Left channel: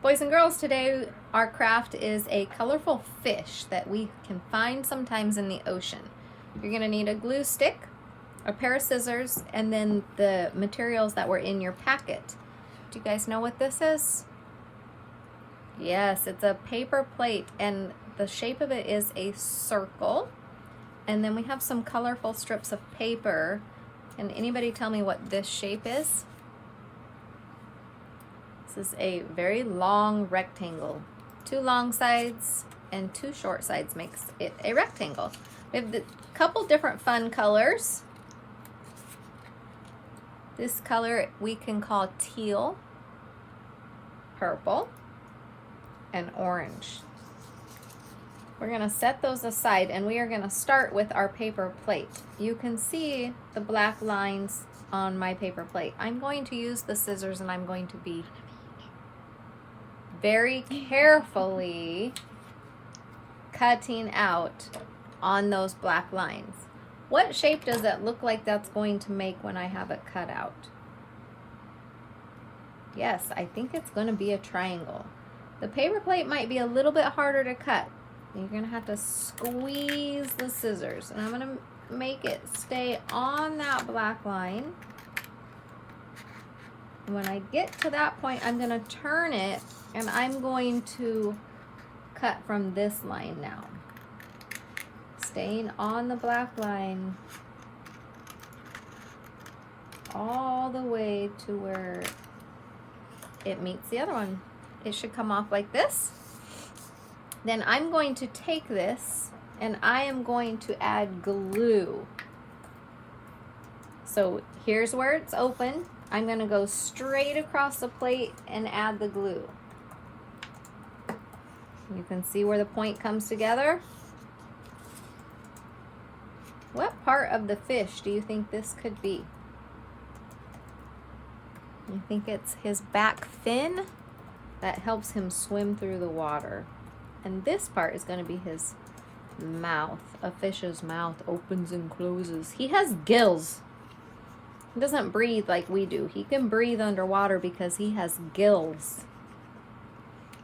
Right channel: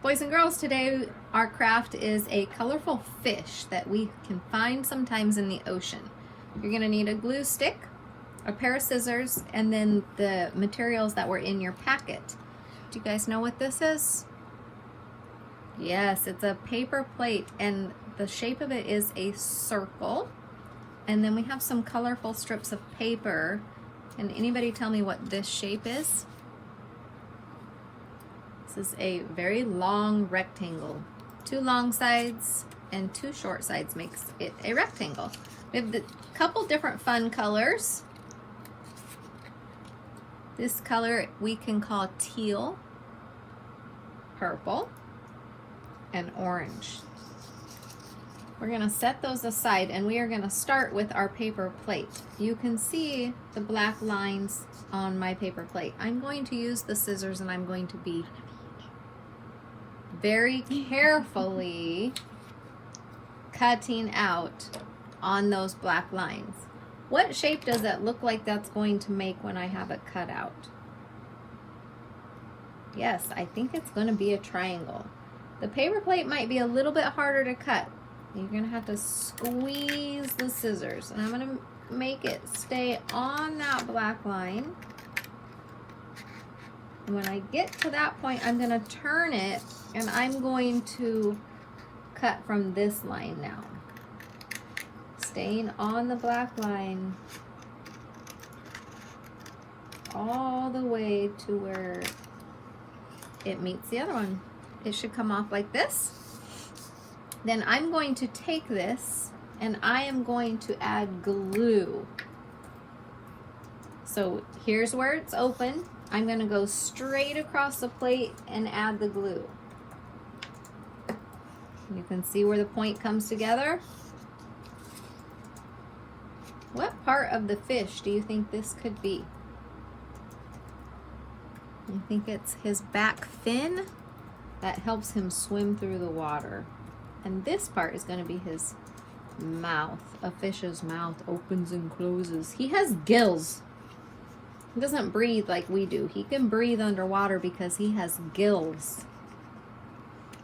Boys and girls, today our craft is a colorful fish that we can find sometimes in the ocean. You're going to need a glue stick, a pair of scissors, and then the materials that were in your packet. Do you guys know what this is? Yes, it's a paper plate, and the shape of it is a circle. And then we have some colorful strips of paper. Can anybody tell me what this shape is? This is a very long rectangle. 2 long sides and 2 short sides makes it a rectangle. We have a couple different fun colors. This color we can call teal, purple, and orange. We're going to set those aside and we are going to start with our paper plate. You can see the black lines on my paper plate. I'm going to use the scissors and I'm going to be very carefully cutting out on those black lines. What shape does that look like that's going to make when I have it cut out? Yes, I think it's going to be a triangle. The paper plate might be a little bit harder to cut. You're going to have to squeeze the scissors, and I'm going to make it stay on that black line. And when I get to that point, I'm going to turn it, and I'm going to cut from this line now. Staying on the black line all the way to where it meets the other one. It should come off like this. Then I'm going to take this and I am going to add glue. So here's where it's open. I'm going to go straight across the plate and add the glue. You can see where the point comes together. What part of the fish do you think this could be? You think it's his back fin that helps him swim through the water. And this part is going to be his mouth. A fish's mouth opens and closes. He has gills. He doesn't breathe like we do. He can breathe underwater because he has gills.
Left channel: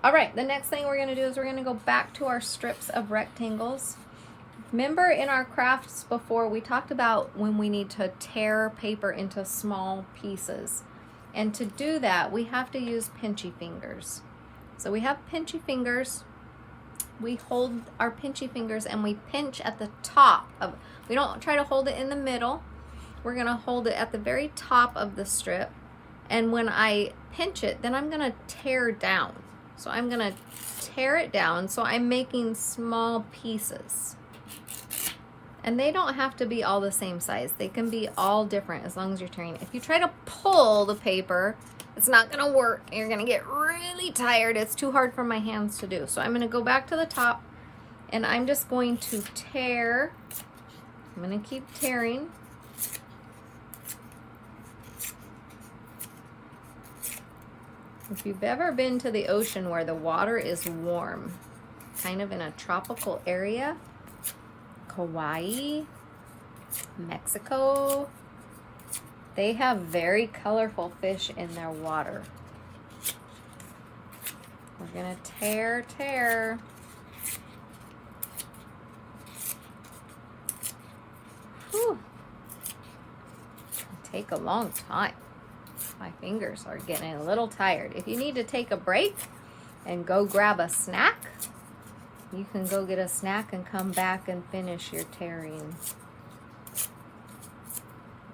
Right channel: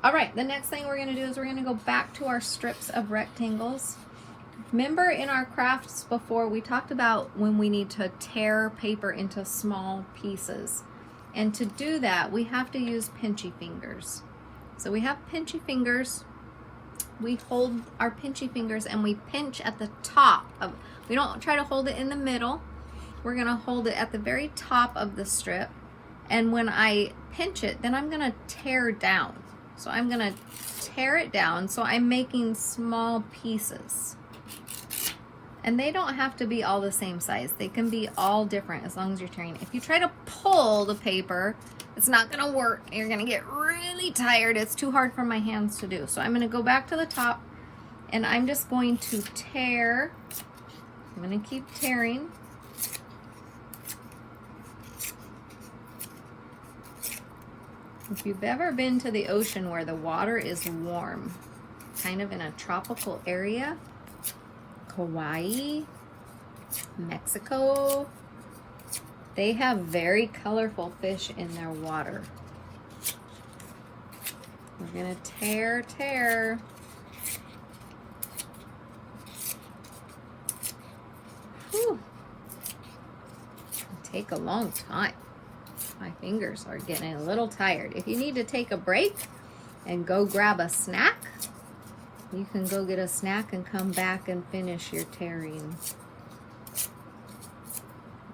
All right, the next thing we're going to do is we're going to go back to our strips of rectangles. Remember in our crafts before, we talked about when we need to tear paper into small pieces. And to do that, we have to use pinchy fingers. So we have pinchy fingers. We hold our pinchy fingers and we pinch at the top of, we don't try to hold it in the middle. We're going to hold it at the very top of the strip. And when I pinch it, then I'm going to tear down. So I'm going to tear it down. So I'm making small pieces. And they don't have to be all the same size. They can be all different as long as you're tearing. If you try to pull the paper, it's not going to work. You're going to get really tired. It's too hard for my hands to do. So I'm going to go back to the top and I'm just going to tear. I'm going to keep tearing. If you've ever been to the ocean where the water is warm, kind of in a tropical area, Hawaii, Mexico, they have very colorful fish in their water. We're going to tear. Whew. It'll take a long time. My fingers are getting a little tired. If you need to take a break and go grab a snack, you can go get a snack and come back and finish your tearing.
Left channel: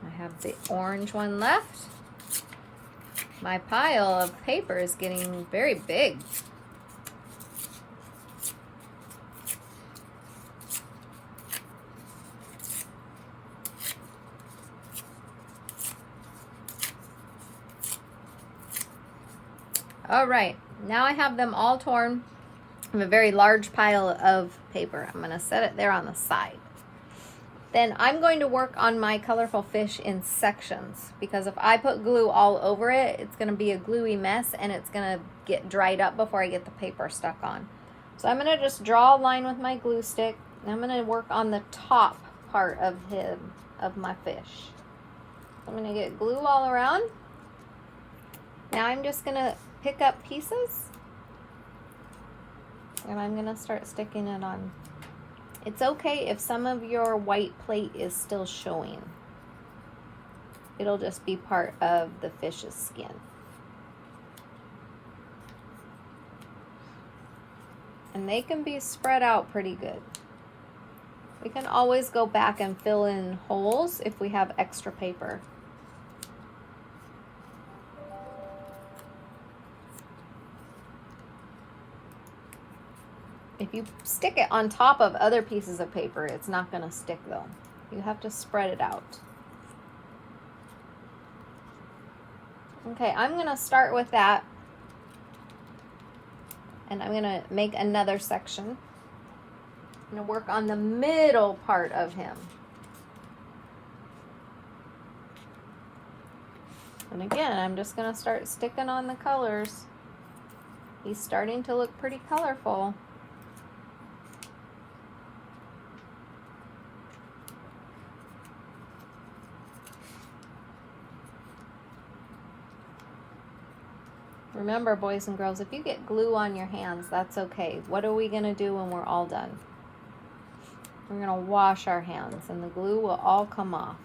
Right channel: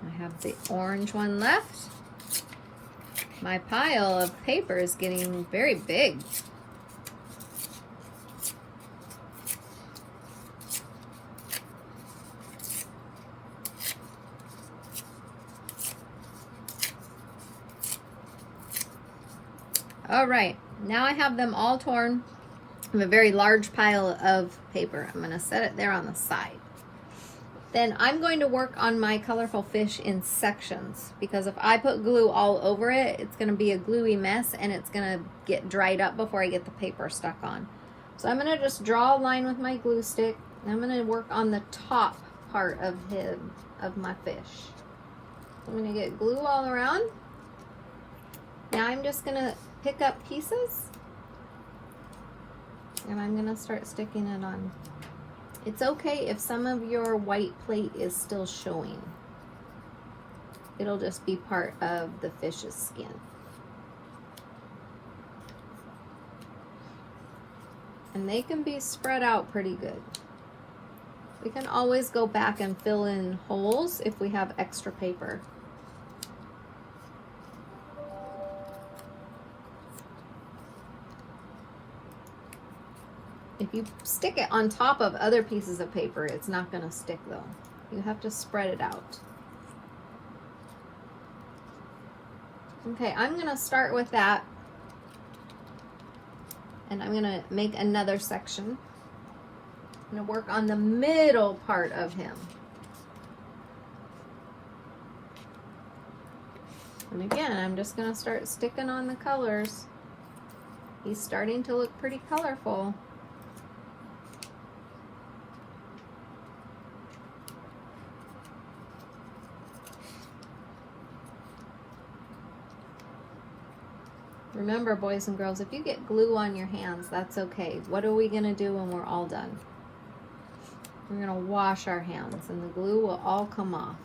I have the orange one left. My pile of paper is getting very big. All right, now I have them all torn. I have a very large pile of paper. I'm going to set it there on the side. Then I'm going to work on my colorful fish in sections, because if I put glue all over it, it's going to be a gluey mess and it's going to get dried up before I get the paper stuck on. So I'm going to just draw a line with my glue stick. And I'm going to work on the top part of my fish. I'm going to get glue all around. Now I'm just going to pick up pieces And I'm gonna start sticking it on. It's okay if some of your white plate is still showing. It'll just be part of the fish's skin. And they can be spread out pretty good. We can always go back and fill in holes if we have extra paper. If you stick it on top of other pieces of paper, it's not going to stick though. You have to spread it out. Okay, I'm going to start with that. And I'm going to make another section. I'm going to work on the middle part of him. And again, I'm just going to start sticking on the colors. He's starting to look pretty colorful. Remember, boys and girls, if you get glue on your hands, that's okay. What are we going to do when we're all done? We're going to wash our hands and the glue will all come off.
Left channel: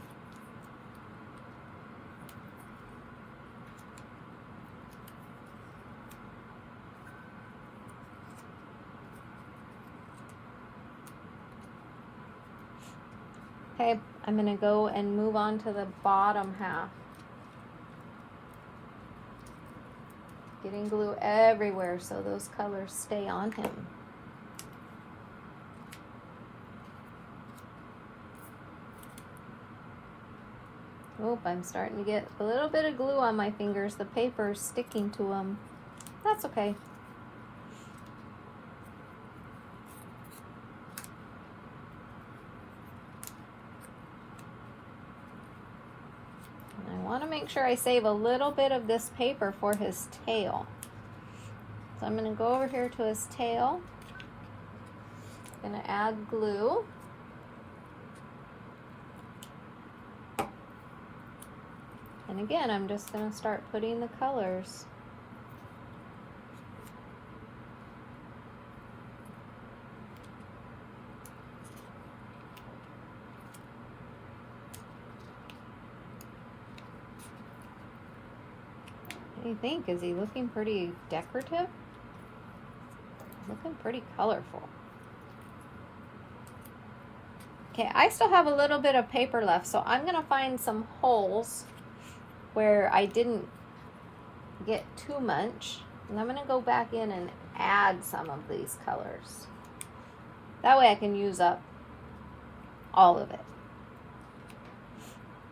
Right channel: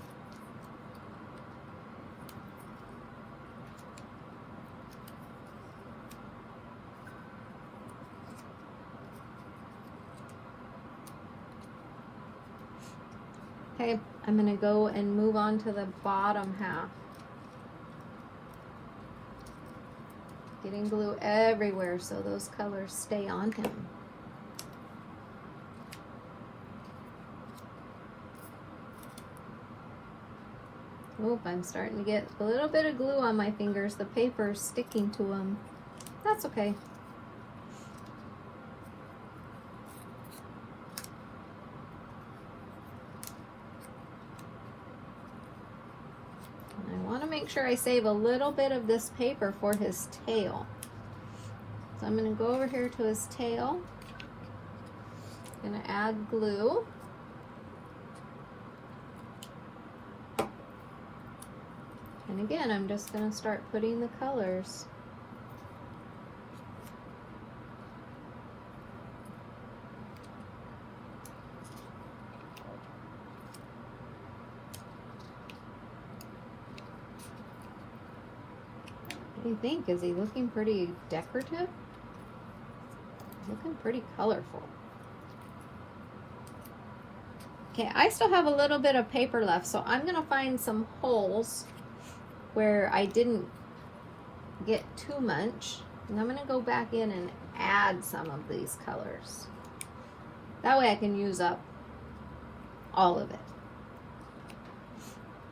Okay, I'm going to go and move on to the bottom half. Getting glue everywhere so those colors stay on him. Oop, I'm starting to get a little bit of glue on my fingers. The paper's sticking to them. That's okay. Make sure I save a little bit of this paper for his tail. So I'm going to go over here to his tail. I'm going to add glue. And again, I'm just going to start putting the colors. What do you think? Is he looking pretty decorative? Looking pretty colorful. Okay, I still have a little bit of paper left, so I'm going to find some holes where I didn't get too much. And I'm going to go back in and add some of these colors. That way I can use up all of it.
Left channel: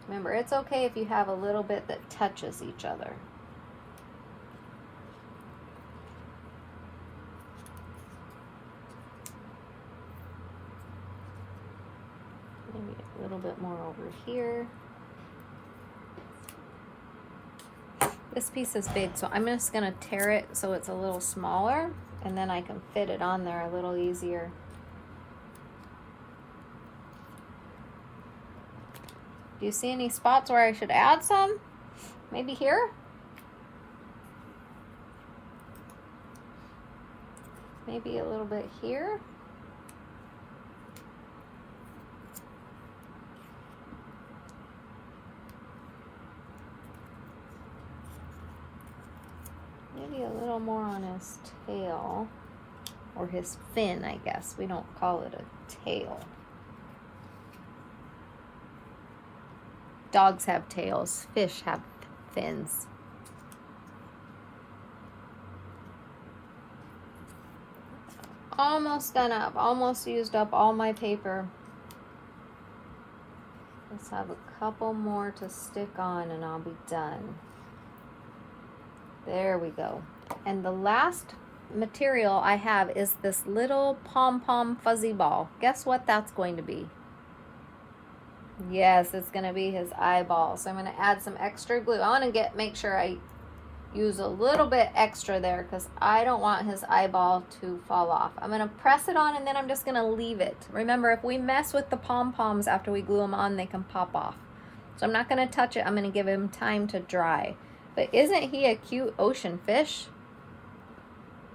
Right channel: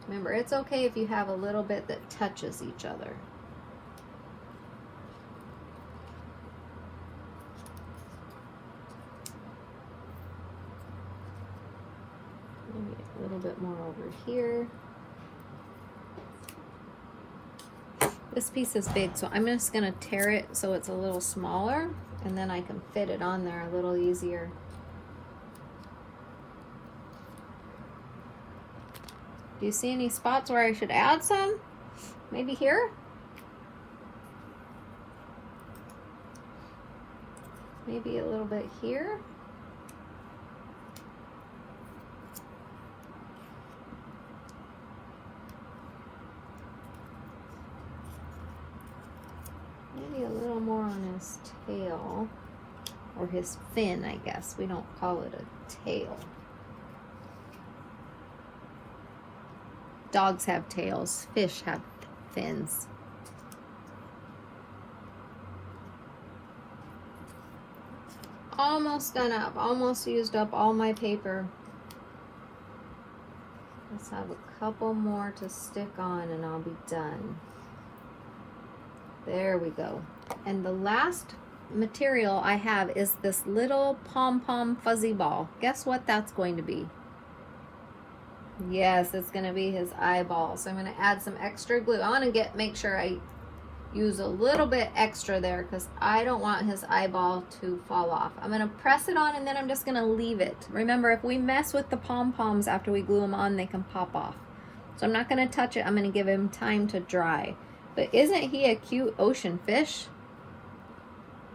Remember, it's okay if you have a little bit that touches each other. Maybe a little bit more over here. This piece is big, so I'm just going to tear it so it's a little smaller, and then I can fit it on there a little easier. Do you see any spots where I should add some? Maybe here? Maybe a little bit here? Maybe a little more on his tail, or his fin, I guess. We don't call it a tail. Dogs have tails, fish have fins. Almost done up, almost used up all my paper. Let's have a couple more to stick on and I'll be done. There we go. And the last material I have is this little pom-pom fuzzy ball. Guess what that's going to be? Yes, it's going to be his eyeball. So I'm going to add some extra glue. I want to make sure I use a little bit extra there because I don't want his eyeball to fall off. I'm going to press it on and then I'm just going to leave it. Remember, if we mess with the pom-poms after we glue them on, they can pop off. So I'm not going to touch it. I'm going to give him time to dry. But isn't he a cute ocean fish?